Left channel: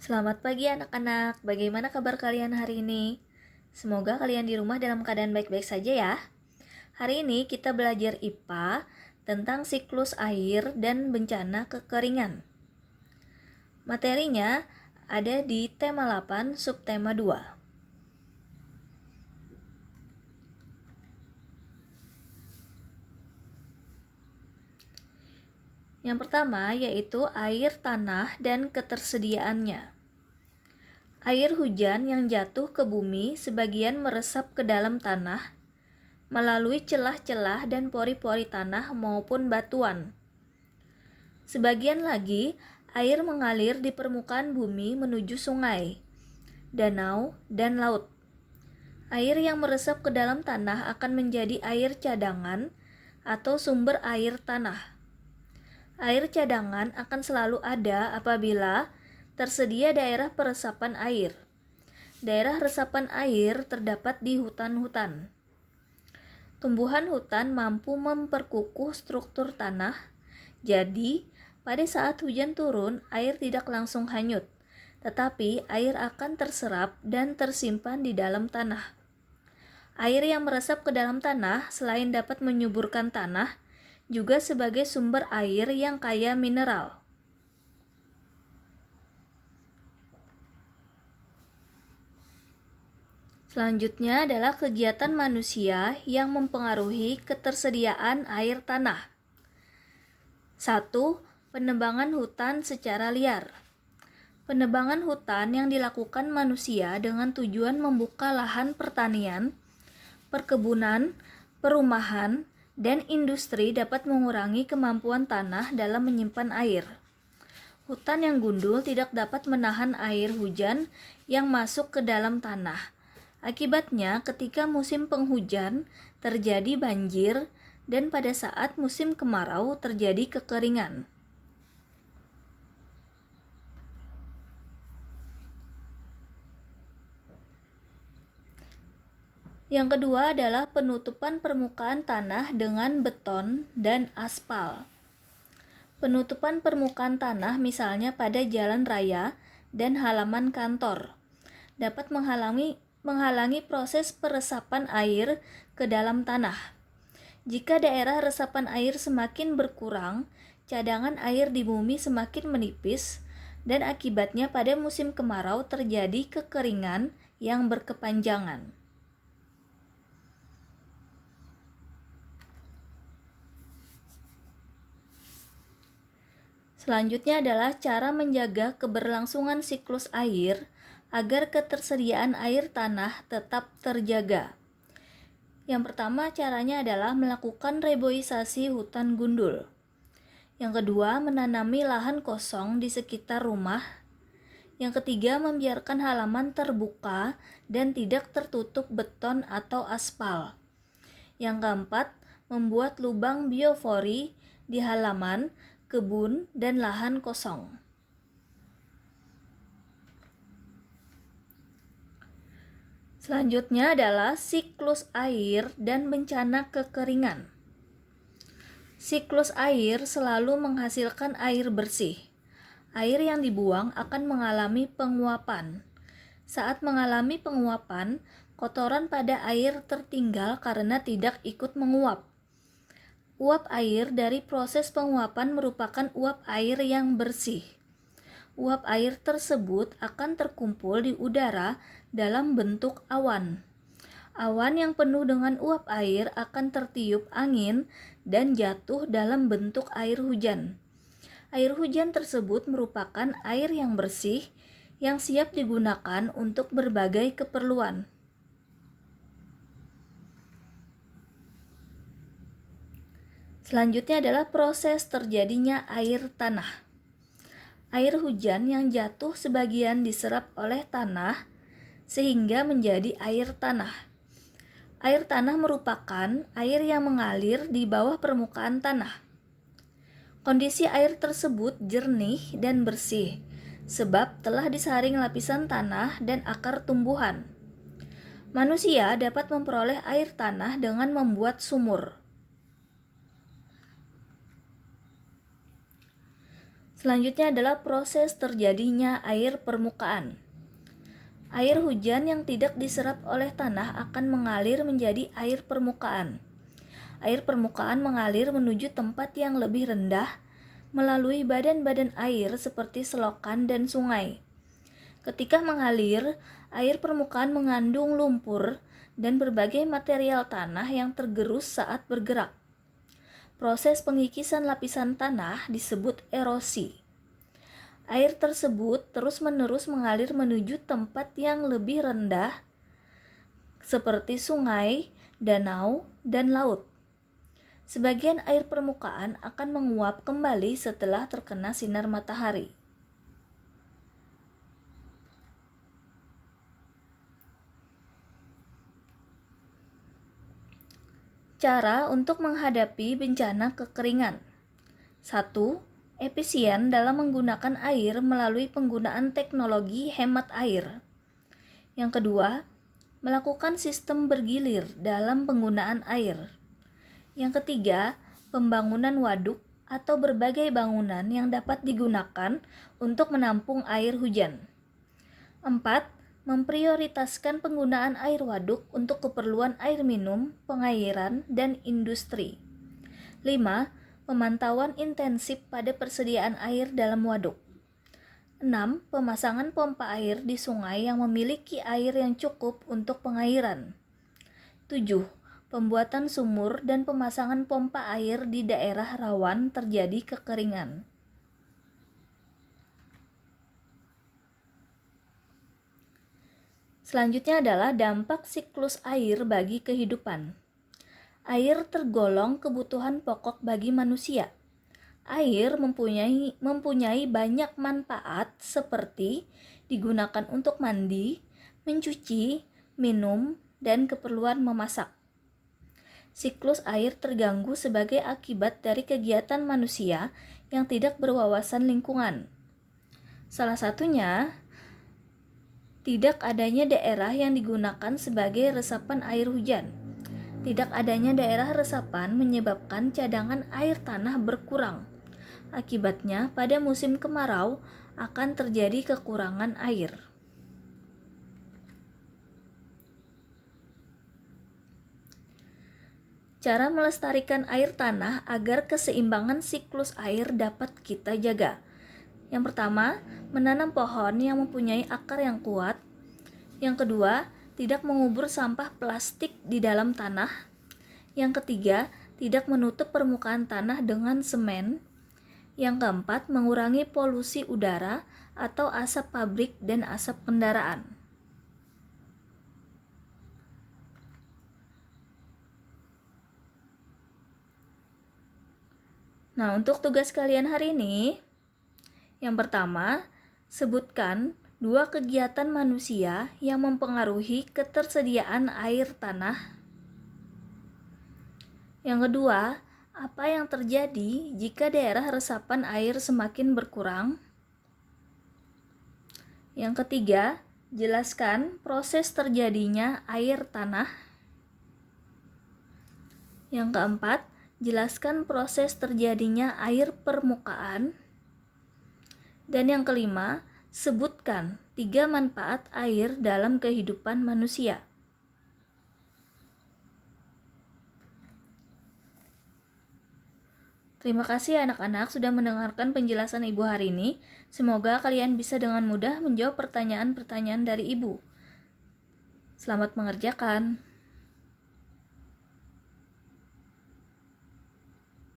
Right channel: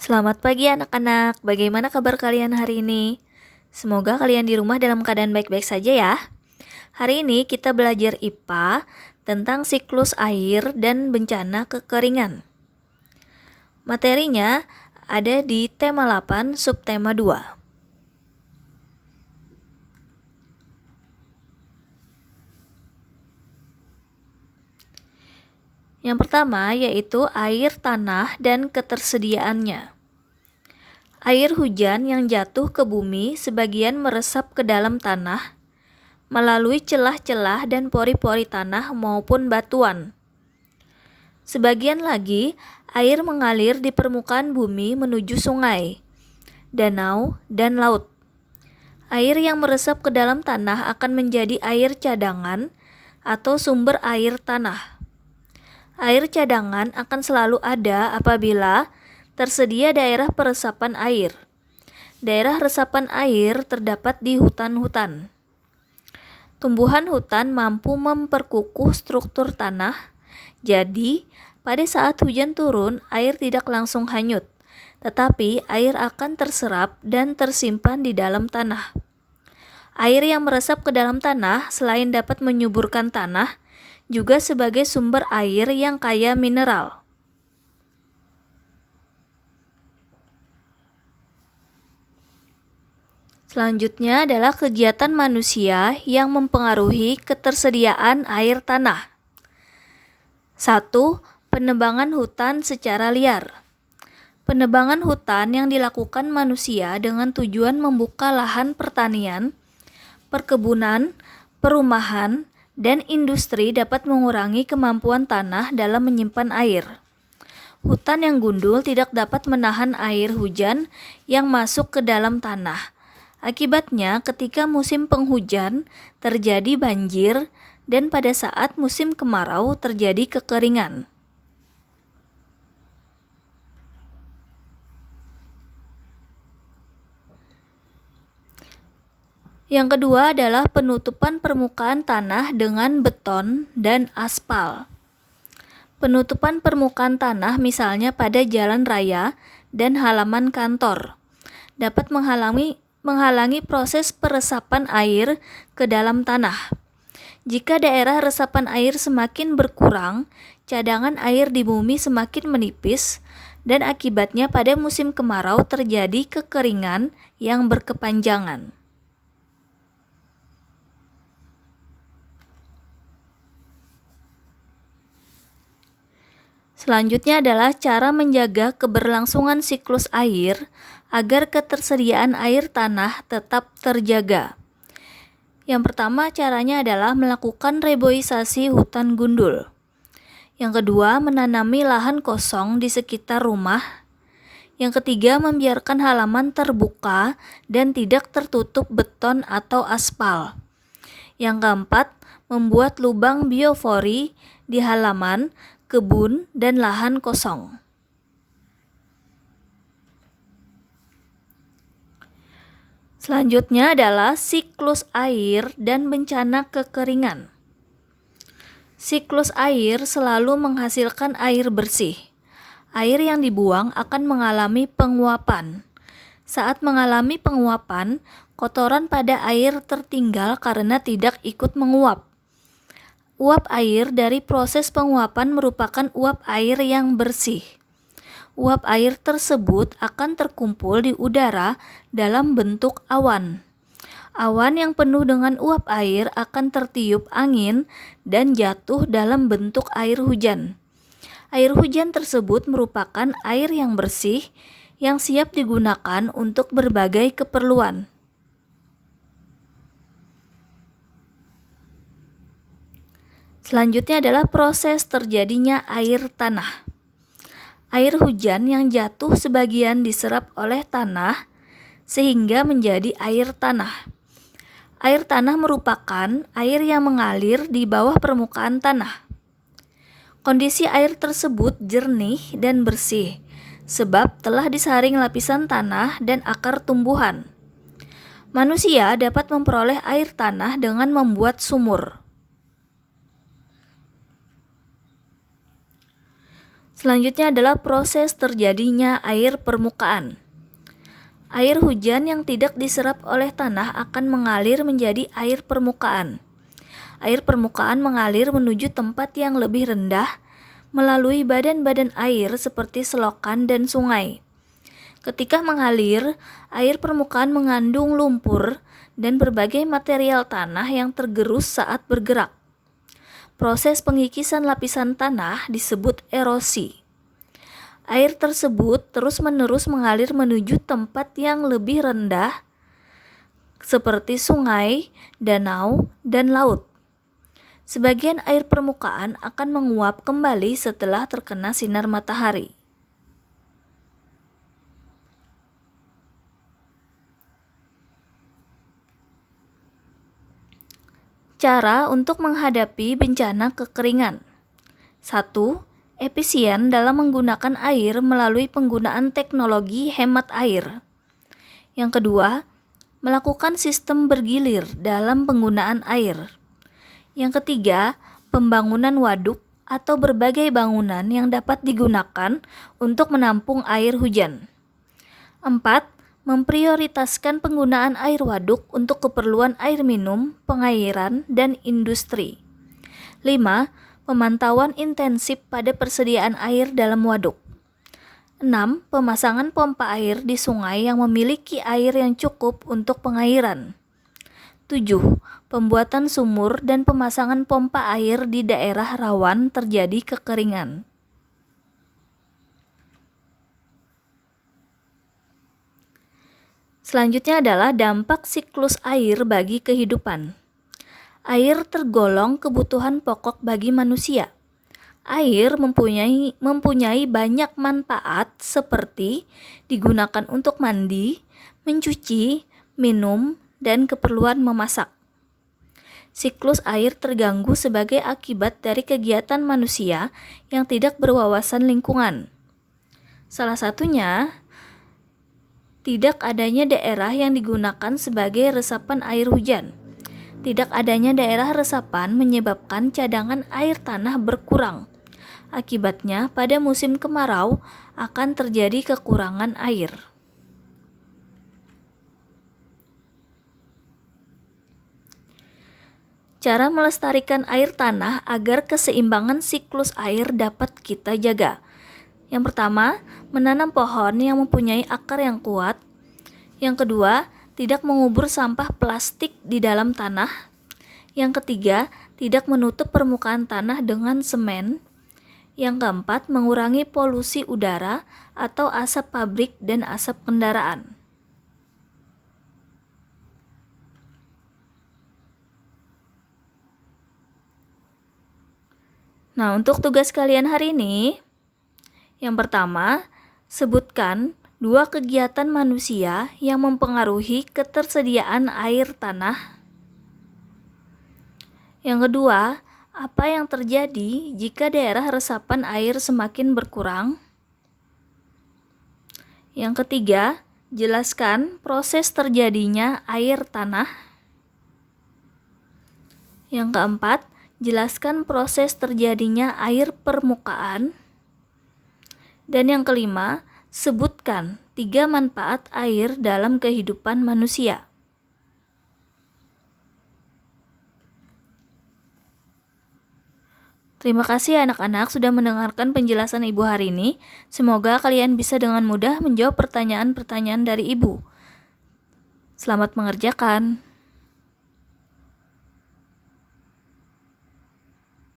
Selamat pagi anak-anak, bagaimana kabar kalian hari ini? Semoga kalian di rumah dalam keadaan baik-baik saja ya. Hari ini kita belajar IPA tentang siklus air dan bencana kekeringan. Materinya ada di tema 8 subtema 2. Yang pertama yaitu air tanah dan ketersediaannya. Air hujan yang jatuh ke bumi sebagian meresap ke dalam tanah melalui celah-celah dan pori-pori tanah maupun batuan. Sebagian lagi, air mengalir di permukaan bumi menuju sungai, danau, dan laut. Air yang meresap ke dalam tanah akan menjadi air cadangan atau sumber air tanah. Air cadangan akan selalu ada apabila tersedia daerah peresapan air. Daerah resapan air terdapat di hutan-hutan. Tumbuhan hutan mampu memperkukuh struktur tanah, jadi pada saat hujan turun, air tidak langsung hanyut, tetapi air akan terserap dan tersimpan di dalam tanah. Air yang meresap ke dalam tanah selain dapat menyuburkan tanah, juga sebagai sumber air yang kaya mineral. Selanjutnya adalah kegiatan manusia yang mempengaruhi ketersediaan air tanah. 1. Penebangan hutan secara liar. Penebangan hutan yang dilakukan manusia dengan tujuan membuka lahan pertanian, perkebunan, perumahan, dan industri dapat mengurangi kemampuan tanah dalam menyimpan air. Hutan yang gundul tidak dapat menahan air hujan yang masuk ke dalam tanah. Akibatnya, ketika musim penghujan terjadi banjir dan pada saat musim kemarau terjadi kekeringan. Yang kedua adalah penutupan permukaan tanah dengan beton dan aspal. Penutupan permukaan tanah misalnya pada jalan raya dan halaman kantor dapat menghalangi proses peresapan air ke dalam tanah. Jika daerah resapan air semakin berkurang, cadangan air di bumi semakin menipis dan akibatnya pada musim kemarau terjadi kekeringan yang berkepanjangan. Selanjutnya adalah cara menjaga keberlangsungan siklus air agar ketersediaan air tanah tetap terjaga. Yang pertama caranya adalah melakukan reboisasi hutan gundul. Yang kedua, menanami lahan kosong di sekitar rumah. Yang ketiga, membiarkan halaman terbuka dan tidak tertutup beton atau aspal. Yang keempat, membuat lubang biofori di halaman, kebun, dan lahan kosong. Selanjutnya adalah siklus air dan bencana kekeringan. Siklus air selalu menghasilkan air bersih. Air yang dibuang akan mengalami penguapan. Saat mengalami penguapan, kotoran pada air tertinggal karena tidak ikut menguap. Uap air dari proses penguapan merupakan uap air yang bersih. Uap air tersebut akan terkumpul di udara dalam bentuk awan. Awan yang penuh dengan uap air akan tertiup angin dan jatuh dalam bentuk air hujan. Air hujan tersebut merupakan air yang bersih yang siap digunakan untuk berbagai keperluan. Selanjutnya adalah proses terjadinya air tanah. Air hujan yang jatuh sebagian diserap oleh tanah sehingga menjadi air tanah. Air tanah merupakan air yang mengalir di bawah permukaan tanah. Kondisi air tersebut jernih dan bersih sebab telah disaring lapisan tanah dan akar tumbuhan. Manusia dapat memperoleh air tanah dengan membuat sumur. Selanjutnya adalah proses terjadinya air permukaan. Air hujan yang tidak diserap oleh tanah akan mengalir menjadi air permukaan. Air permukaan mengalir menuju tempat yang lebih rendah melalui badan-badan air seperti selokan dan sungai. Ketika mengalir, air permukaan mengandung lumpur dan berbagai material tanah yang tergerus saat bergerak. Proses pengikisan lapisan tanah disebut erosi. Air tersebut terus-menerus mengalir menuju tempat yang lebih rendah seperti sungai, danau, dan laut. Sebagian air permukaan akan menguap kembali setelah terkena sinar matahari. Cara untuk menghadapi bencana kekeringan. 1. Efisien dalam menggunakan air melalui penggunaan teknologi hemat air. Yang kedua, melakukan sistem bergilir dalam penggunaan air. Yang ketiga, pembangunan waduk atau berbagai bangunan yang dapat digunakan untuk menampung air hujan. 4. Memprioritaskan penggunaan air waduk untuk keperluan air minum, pengairan, dan industri. 5. Pemantauan intensif pada persediaan air dalam waduk. 6. Pemasangan pompa air di sungai yang memiliki air yang cukup untuk pengairan. 7. Pembuatan sumur dan pemasangan pompa air di daerah rawan terjadi kekeringan. Selanjutnya adalah dampak siklus air bagi kehidupan. Air tergolong kebutuhan pokok bagi manusia. Air mempunyai banyak manfaat seperti digunakan untuk mandi, mencuci, minum, dan keperluan memasak. Siklus air terganggu sebagai akibat dari kegiatan manusia yang tidak berwawasan lingkungan. Salah satunya, tidak adanya daerah yang digunakan sebagai resapan air hujan. Tidak adanya daerah resapan menyebabkan cadangan air tanah berkurang. Akibatnya, pada musim kemarau akan terjadi kekurangan air. Cara melestarikan air tanah agar keseimbangan siklus air dapat kita jaga. Yang pertama, menanam pohon yang mempunyai akar yang kuat. Yang kedua, tidak mengubur sampah plastik di dalam tanah. Yang ketiga, tidak menutup permukaan tanah dengan semen. Yang keempat, mengurangi polusi udara atau asap pabrik dan asap kendaraan. Nah, untuk tugas kalian hari ini, yang pertama, sebutkan 2 kegiatan manusia yang mempengaruhi ketersediaan air tanah. Yang kedua, apa yang terjadi jika daerah resapan air semakin berkurang? Yang ketiga, jelaskan proses terjadinya air tanah. Yang keempat, jelaskan proses terjadinya air permukaan. Dan yang kelima, sebutkan 3 manfaat air dalam kehidupan manusia. Terima kasih anak-anak sudah mendengarkan penjelasan Ibu hari ini. Semoga kalian bisa dengan mudah menjawab pertanyaan-pertanyaan dari Ibu. Selamat mengerjakan.